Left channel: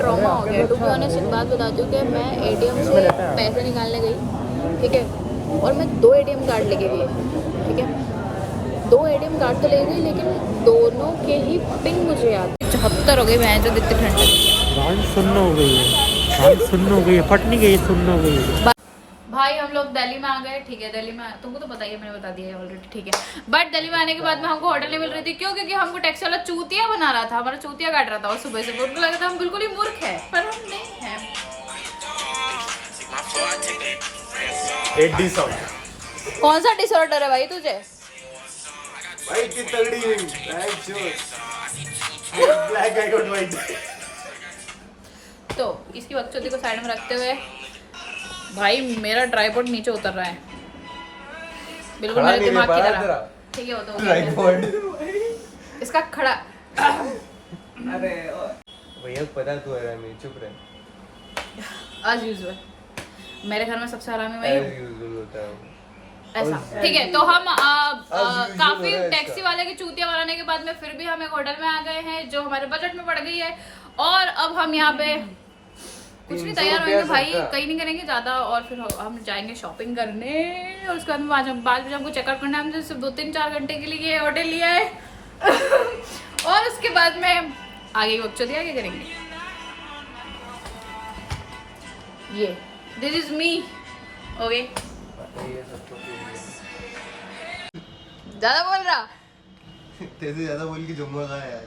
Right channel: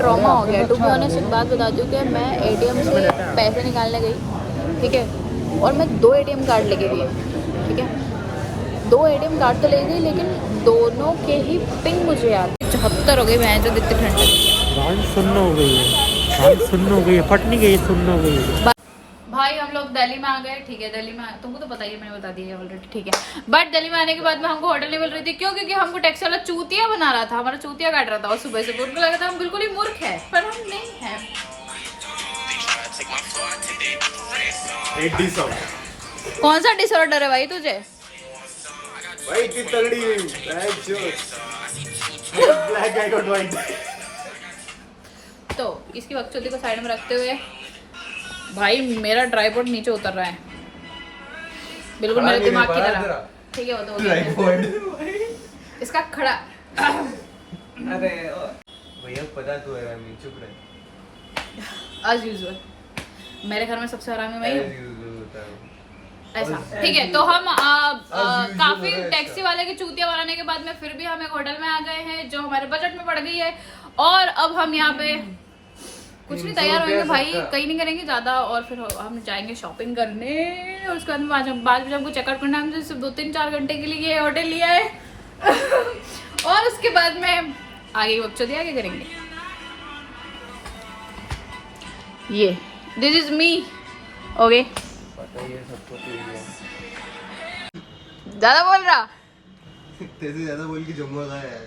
Trauma हो गया। To be honest एक बात बताती हूँ कि मैं एटीएम से पैसे निकालने गई, ठीक है, और मैं 2 एटीएम कार्ड लेके गई, ठीक है, 2 एटीएम कार्ड तो ले गई, लेकिन दोनों के ही पिन मुझे याद 74 हो गई। मैं जो इतनी ठंड गान सुन्न हो गई है, गान सुन्न हो गई है, फट नहीं गई, सुन्न हो गई है। भाई हम लोग दिल्ली में आ गए, ठीक है, दिल्ली में तुमको तो पता ही है, मैंने बता दिया है ऑलरेडी, ठीक है। बट दिल्ली में आने के बाद में हमको होटल नहीं मिल रही थी, क्यों? क्योंकि हमको टैक्सी वाला चूतिया बना रहा था, हमारा चूतिया काट रहा था, और सुबह सुबह उनको लगा था हम बिल्कुल ही मूर्ख है, पर हम नहीं है। कौन सा डिसऑर्डर है भाई तुझे? भाई इतनी तगड़ी हुई, ब्लैक आई गॉट व्हाइट। तो इसकी बकचोदी को साइड में रखते हुए भाई मेरा ट्राइपॉड नीचे उतर रहा है, बिल्कुल मेरे दिमाग की तरह, ठीक है, वो तो हो गया इसका खड़ा। अरे भैया पता तो है, मैं चुप रहे। एज यूजुअल मेरे घर में सबसे हरामी मैं ही हूँ, ऐसा, ठीक है। तो हम काफी टैक्सी वाले की चूतिया बनाने के बाद में फिर भी हम एक होटल में आ गए हैं जो हमारे बजट में पड़ गई है, और अब हम यहाँ पे कुछ नहीं तैयार होंगे भाई, कहीं नहीं करेंगे ज़्यादा, और फिर हम जाएंगे शॉपिंग करने, और उसके बाद में 5 बजे हमको चेकआउट करना है। हमसे सिर्फ 2-3-4 घंटे के लिए होटल लिया है और उसके बाद में आगे की बकचोदी आगे करेंगे। ये दिस इज मी, ओके। ज़्यादा बोल रहा तेरे ज्यादा बोल के जुम्मा का है।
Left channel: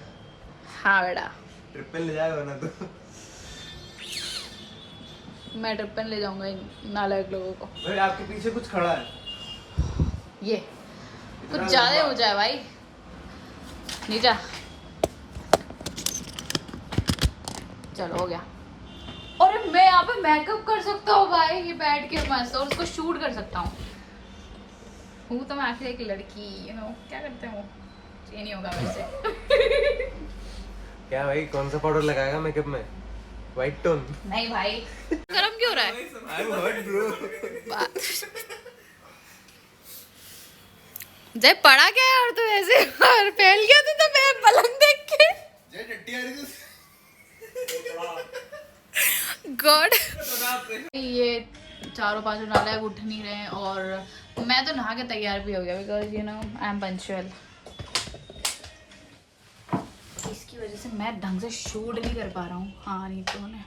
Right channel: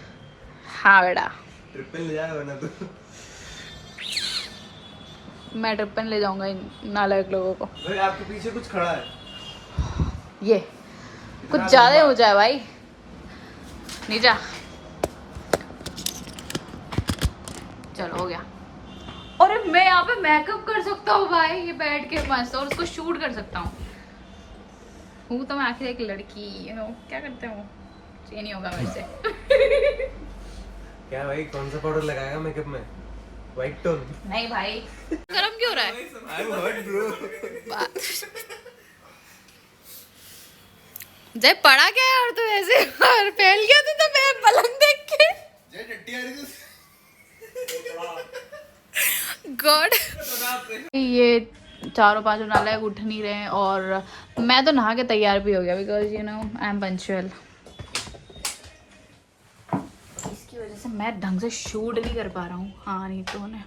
हाँ बेटा, ट्रिपल ले जाएगा ना तो। मैं ट्रिप पे ले जाऊंगा इन नालायक लोगों को। भाई आपके पीछे कुछ खड़ा है, ये कुछ ज्यादा हो जाए भाई, नीचा, चलो हो गया। अरे मैं यहाँ पे मेकअप कर सकता हूँ भाई, ये बैठ के मस्त, और उसको शूट कर सकता हूँ तो मैं आखिर एक लड़की हूँ, क्या करते हैं वो, ये नहीं होगा मेरे से। क्या भाई कौन सा पाउडर लगाएगा मेकअप में? White tone? नहीं भाई, गरम क्यों हो रहा है? I am hot bro. जय पड़ा क्या यार तू ऐसे, और फैल गया तो मैं पलंग देख के। जय टट्टी आ रही थी। गॉड, ये 4-5 नालायक उठ नहीं रहे हैं, और मैं तो नहा के तैयार भी हो गया, because you know I am punctual. इसकी वजह से मैं ढंग से शूट नहीं कर पा रहा हूँ। हाँ नहीं तो ने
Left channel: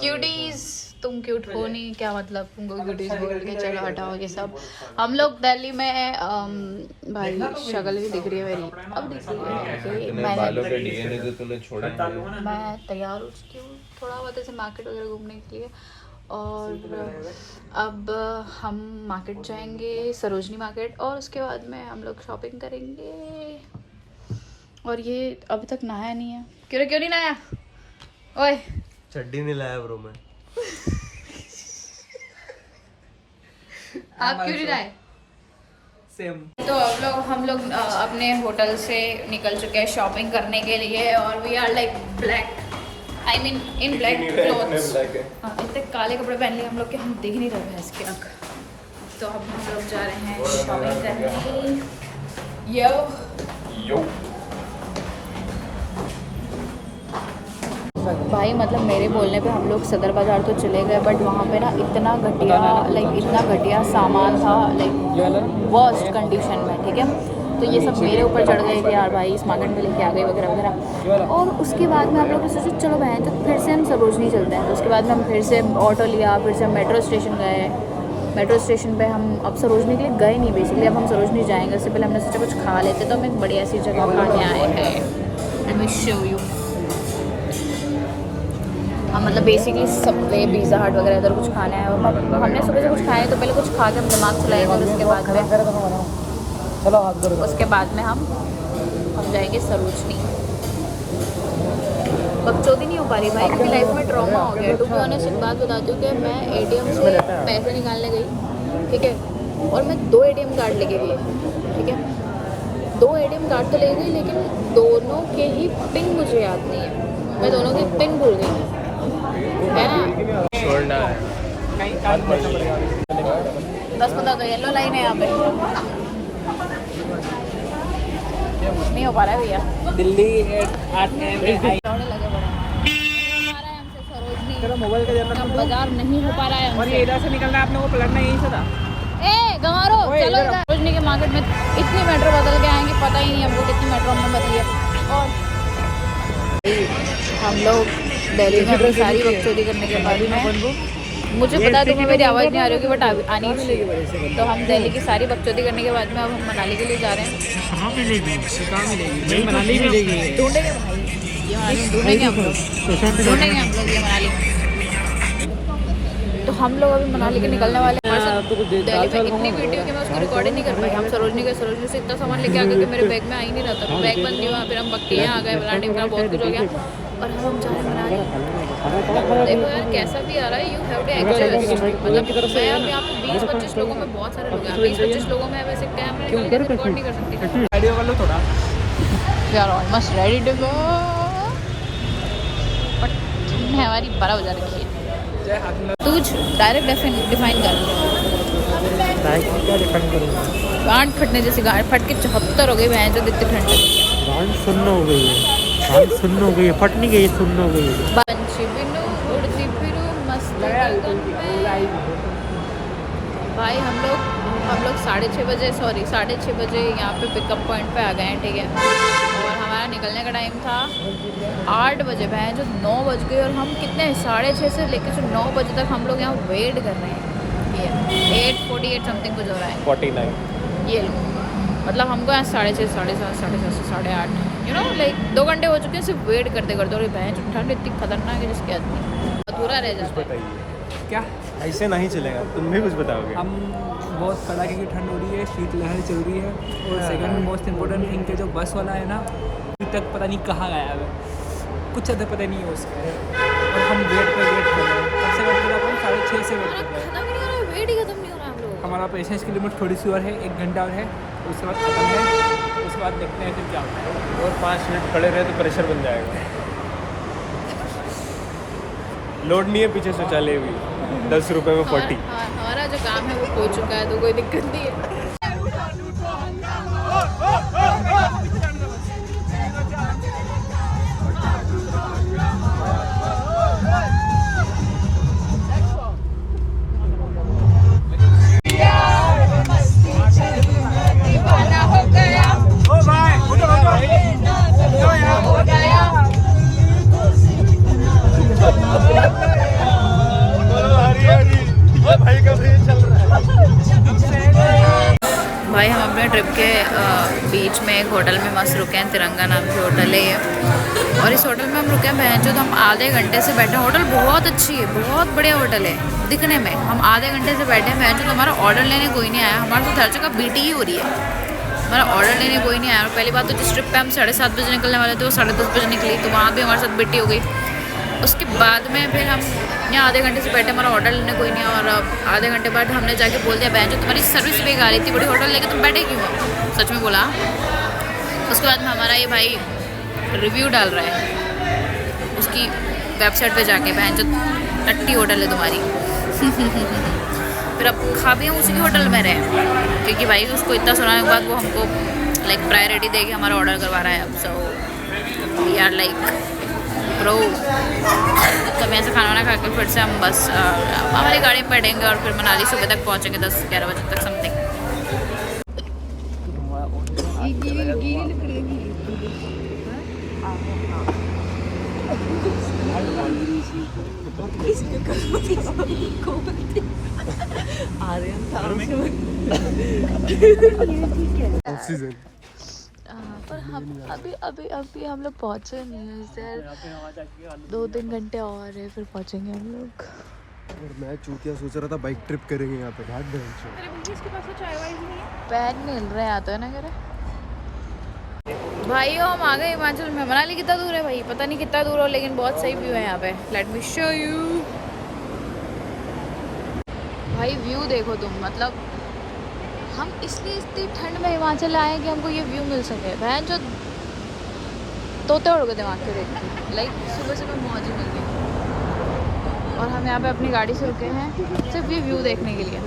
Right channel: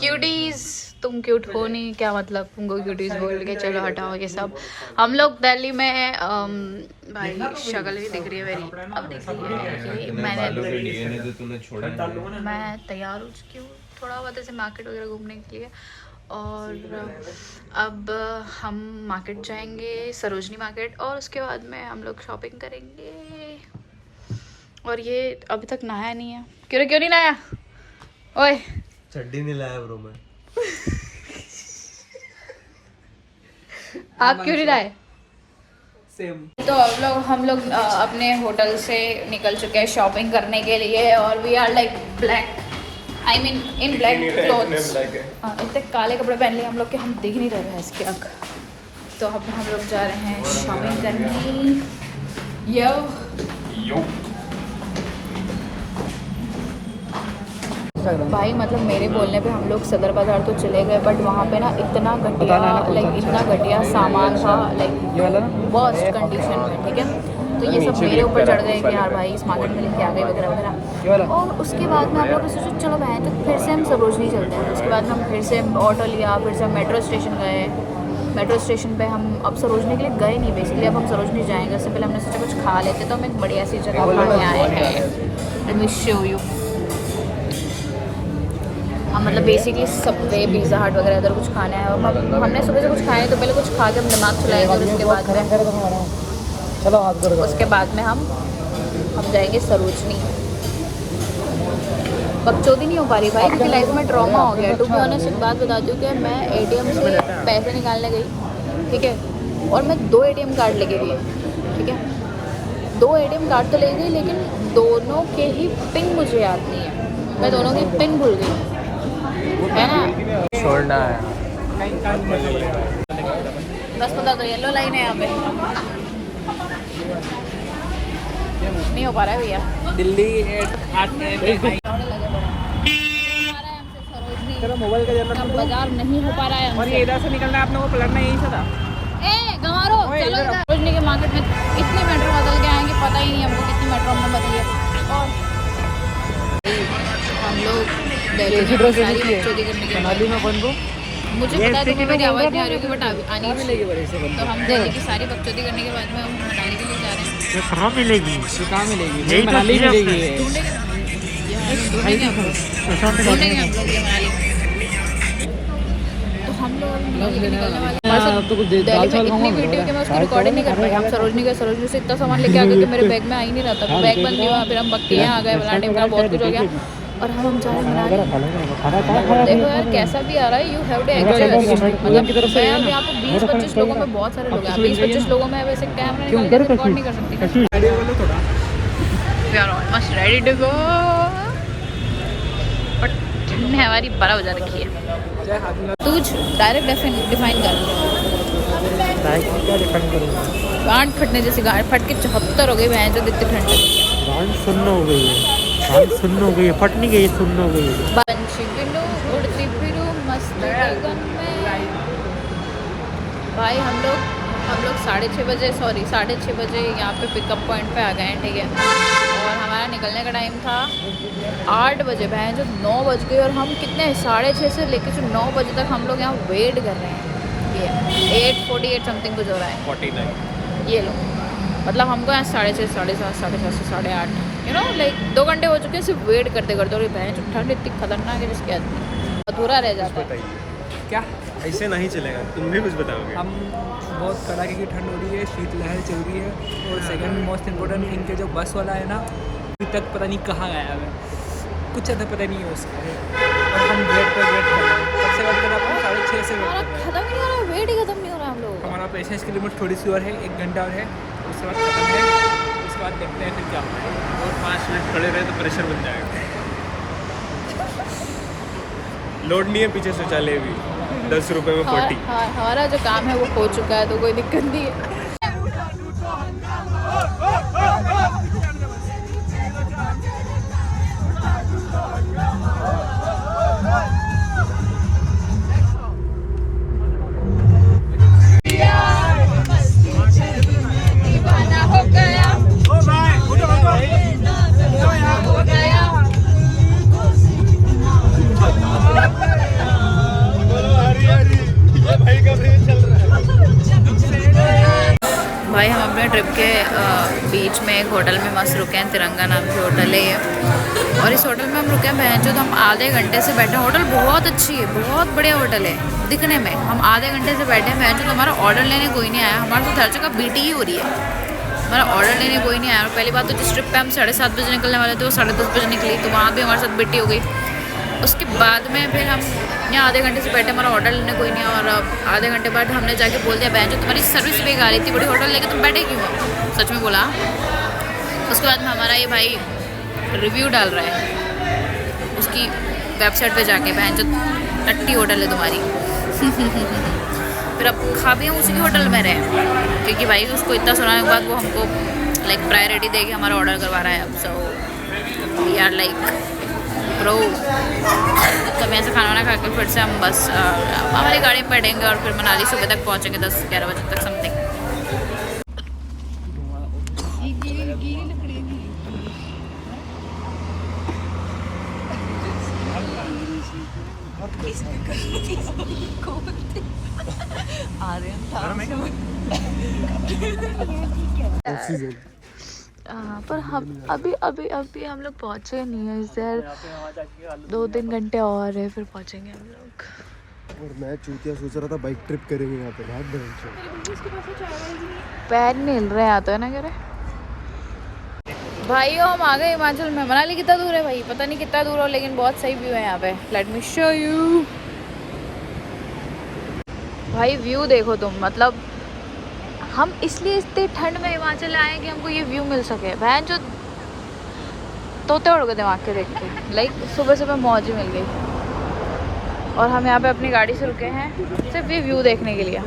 क्यूटीज, तुम क्यूट हो नहीं, क्या मतलब तुमको क्यूटीज बोल के, चलो हटाओ ये सब। हम लोग दिल्ली में हैं, भाई शक्ल भी दिख रही है मेरी, अब दिख रही है। मैं तैयार हो चुकी हूँ, थोड़ा बहुत ऐसे मार्केट वगैरह घूमने के लिए, और अब हम मार्केट जाएंगे, सरोजनी मार्केट, और उसके बाद में हम लोग शॉपिंग करेंगे। और ये अभी तक नहाया नहीं है, क्यों नहीं नहाया? ओए चड्डी नहीं लाया ब्रो मैं। आप क्यों नहीं लाए? सेम। तो हम लोग अपने होटल से निकल चुके हैं शॉपिंग करने के लिए, और we are like black, I mean in black clothes. इतने काले कपड़े पहन लिए हम लोग कि हम दिख नहीं रहे भैंस के आँख। तो अब हम लोग जा रहे हैं शॉपिंग करने। यो भाई, मतलब मेरे बोलने पे हम लोग सदर बाज़ार तो चले गए, बट वहाँ पे ना इतना घटिया, इतना घटिया सामान था, वर्स्ट कंडीशन में, ठीक है। तो ये सब मेरे ऊपर चढ़ गए कि यार भाई इस मार्केट में लेके आ गई वगैरह वगैरह। और उसके बाद में आप लोग सोचो चलो बहन, तो फिर से हम सरोजनी चलते हैं। तो उसके बाद में हम फिर से ऑटो लिया, फिर से हम मेट्रो स्टेशन गए। मेट्रो स्टेशन पे हम अब सरोजनी के लिए गए नहीं बेसिकली, अब हम सरोजनी जाएंगे। उससे पहले हमने सोचा कुछ खा लेते, तो हम एक बढ़िया सी जगह खाने आए हैं। हम मतलब बेसिकली सबवे, पिज़्ज़ा हट वगैरह इधर कुछ खाना है। हमने सुबह से कुछ खाया, तो पहले कुछ खा के हम दिमाग चलाएंगे, और उसके बाद में हम जाएंगे सरोजनी। बकचोदी नहीं हो पा रही भाई, क्योंकि लाइफ में ट्रॉमा हो गया। टू बी ऑनेस्ट एक बात बताती हूँ कि मैं एटीएम से पैसे निकालने गई, ठीक है, और मैं 2 एटीएम कार्ड लेके गई, ठीक है, 2 एटीएम कार्ड तो ले गई, लेकिन दोनों के ही पिन मुझे याद नहीं है, मैं दोनों की पिन भूल गई, है ना। छोड़ना है 10-15 तो येलो लाइन है यहाँ पे। नहीं हो पा रहा है भैया। दिल्ली बाजार नहीं हो पा रहा है। और ये इधर से निकलना है, आप लोगों को पलटना यहीं से था। गंवारो चलो सरोजनी के मार्केट में इतनी मेट्रो बदल गए हैं कि पता ही नहीं हमको कितनी मेट्रो हमने बदली है। और हम लोग दिल्ली में अपनी सारी बकचोदी करने के बाद में, मुझे पता है तुम्हें मेरी आवाज़ नहीं आ रही होगी बट आनी चाहिए। तो हम दिल्ली की सारी बकचोदी करने के बाद में अब हम मनाली के लिए जा रहे हैं। कहाँ मिलेगी? मनाली मिलेगी। ढूंढेंगे ढूंढेंगे हम लोग ये मनाली। तो हम लोग अभी मनाली के निकलने वाले हैं। हमारे साथ दिल्ली में इतनी वीडियो कि मैं उसको रिकॉर्ड ही नहीं कर पाई। हम सरोजनी से इतना सामान लेके आ गए कि मेरे बैग में आ ही नहीं रहा था। बैग बंद नहीं हुआ, फिर हम बक्के यहाँ आ गए, फलाने में बहुत कुछ हो गया और हम जा रहे हैं मनाली। देखो यार कैसा भी आ रहा है, यू हैव टू एडजस्ट। मतलब मैं अब यहाँ पे 20-25 लोगों में, बहुत सारे लोग हैं 20-25 लोगों में, वैसे कैमरा निकाल के रिकॉर्ड नहीं कर सकती। थोड़ा we are almost ready to go, but ठंड ने हमारी बड़ा बजा रखी है। तू डायरेक्ट डिफाइन कर, क्या डिफाइन करूँगा? गांठ फटने जैसी, गांठ फट के 74 हो गई बहन, जो इतनी ठंड है। गांठ सुन्न हो गई है, गांठ सुन्न हो गई है, फट नहीं गई, सुन्न हो गई है। पंछी बिनु उड़ती फिरू मस्त गगन में। भाई हम लोग 6:30 बजे 6:30 बजे यहाँ पे पिकअप पॉइंट पे आ गए हैं, ठीक है। और हमारा निकलने का टाइम था 8 बजे, बहन जो 9 बज गई और हम कितने 6:30 से लेकर जो 9 बजे तक हम लोग यहाँ वेट कर रहे हैं। ये 8:48 समथिंग कुछ हो रहा है, 49 ये लो। मतलब हमको यहाँ 6:30, 7:30, 7:30 से 8:30 यू नो लाइक 2 घंटे हो चुके हैं सिर्फ वेट करते करते। और बहन जो ठंड इतनी खतरनाक है जिसके आदमी अधूरा रह जाता है। क्या ऐसे नहीं चलेगा, तुम भी कुछ बताओगे। हम बहुत कड़ाके की ठंड हो रही है, शीतलहर चल रही है। और सेकंड मोस्ट इम्पोर्टेंट थिंग के जो बस वाला है ना, अभी तक पता नहीं कहाँ गया है, कुछ ज़्यादा पता नहीं है उसके। और हम वेट कर रहे हैं, कब से वेट कर रहे हैं? 6:30 से वेट कर रहे हैं। खत्म नहीं हो रहा, वेट ही खत्म नहीं हो रहा हम लोग। हमारा पेशेंस की लिमिट थोड़ी सी और है, 1 घंटा और है, उसके बाद खत्म है। उसके बाद देखते हैं फिर क्या होता है। और 5 मिनट खड़े रहे तो प्रेशर बन जाएगा। लोड नहीं है पीछे से चले भी 10 रुपये में 40। हमारा जो काम है वो हो चुका है, तो कोई दिक्कत नहीं है। भाई हम अपने ट्रिप के बीच में एक होटल में मस्त रुके हैं, तिरंगा नाम की होटल है ये। और इस होटल में हम रुके हैं बहन जो, तो हम आधे घंटे से बैठे हैं। होटल बहुत अच्छी है, बहुत बढ़िया होटल है दिखने में। हम आधे घंटे से बैठे हैं बहन जो, तो हमारा ऑर्डर लेने कोई नहीं आया। हमारा तो हर जगह बीटी ही हो रही है, हमारा ऑर्डर लेने कोई नहीं आया। और पहली बात तो जिस ट्रिप पे हम 7:30 बजे निकलने वाले थे वो 10:30 बजे निकली, तो वहाँ भी हमारे साथ बीटी हो गई। उसके बाद में फिर हम यहाँ आधे घंटे से बैठे, हमारा ऑर्डर लेने कोई नहीं। और आधे घंटे बाद हमने जाके बोल दिया बहन जो तुम्हारी सर्विस बेकार थी, बड़ी होटल लेके तुम बैठे क्यों हो? सच में बोला। उसके बाद में हमारा ये भाई रिव्यू डाल रहा है उसकी वेबसाइट पे जाके, बहन जो टट्टी होटल है तुम्हारी। फिर अब खा भी हम उसी के होटल में रहे, क्योंकि भाई उसको इतना सुनाने के बाद वो हमको लाइक प्रायोरिटी दे के हमारा ऑर्डर करवा रहा है। अब so we are like bro. तो मैं ऐसे खाना वाना खा के फिर से हम बस हमारी गाड़ी में बैठेंगे और फिर मनाली सुबह तक पहुँचेंगे 10-11 बजे तक समथिंग। पर हम अभी हम लोग पहुँचे नहीं है सर, 2-3 घंटे और है फिर पहुँचेंगे हम लोग। और मैं चूतिया सोच रहा था बाइक ट्रिप करेंगे यहाँ पे, भाग पैर नहीं हिल रहे हैं तो है ना, कह रहे भाई हम आ गए हिमाचल में। मनाली कितना दूर है भाई, पता नहीं कितना दूर हो, लेकिन बहुत सही व्यू है यहाँ पे। Let me show you. भाई व्यू देखो तुम, मतलब हम इसलिए इतनी ठंड में हिमाचल आए कि हमको ये व्यू मिल सके। बहन जो तोते उड़ गए दिमाग के देख के, लाइक सुबह मौज ही मिल गई। और हम यहाँ पे अपनी गाड़ी से रुके हैं सिर्फ ये व्यू देखने के लिए।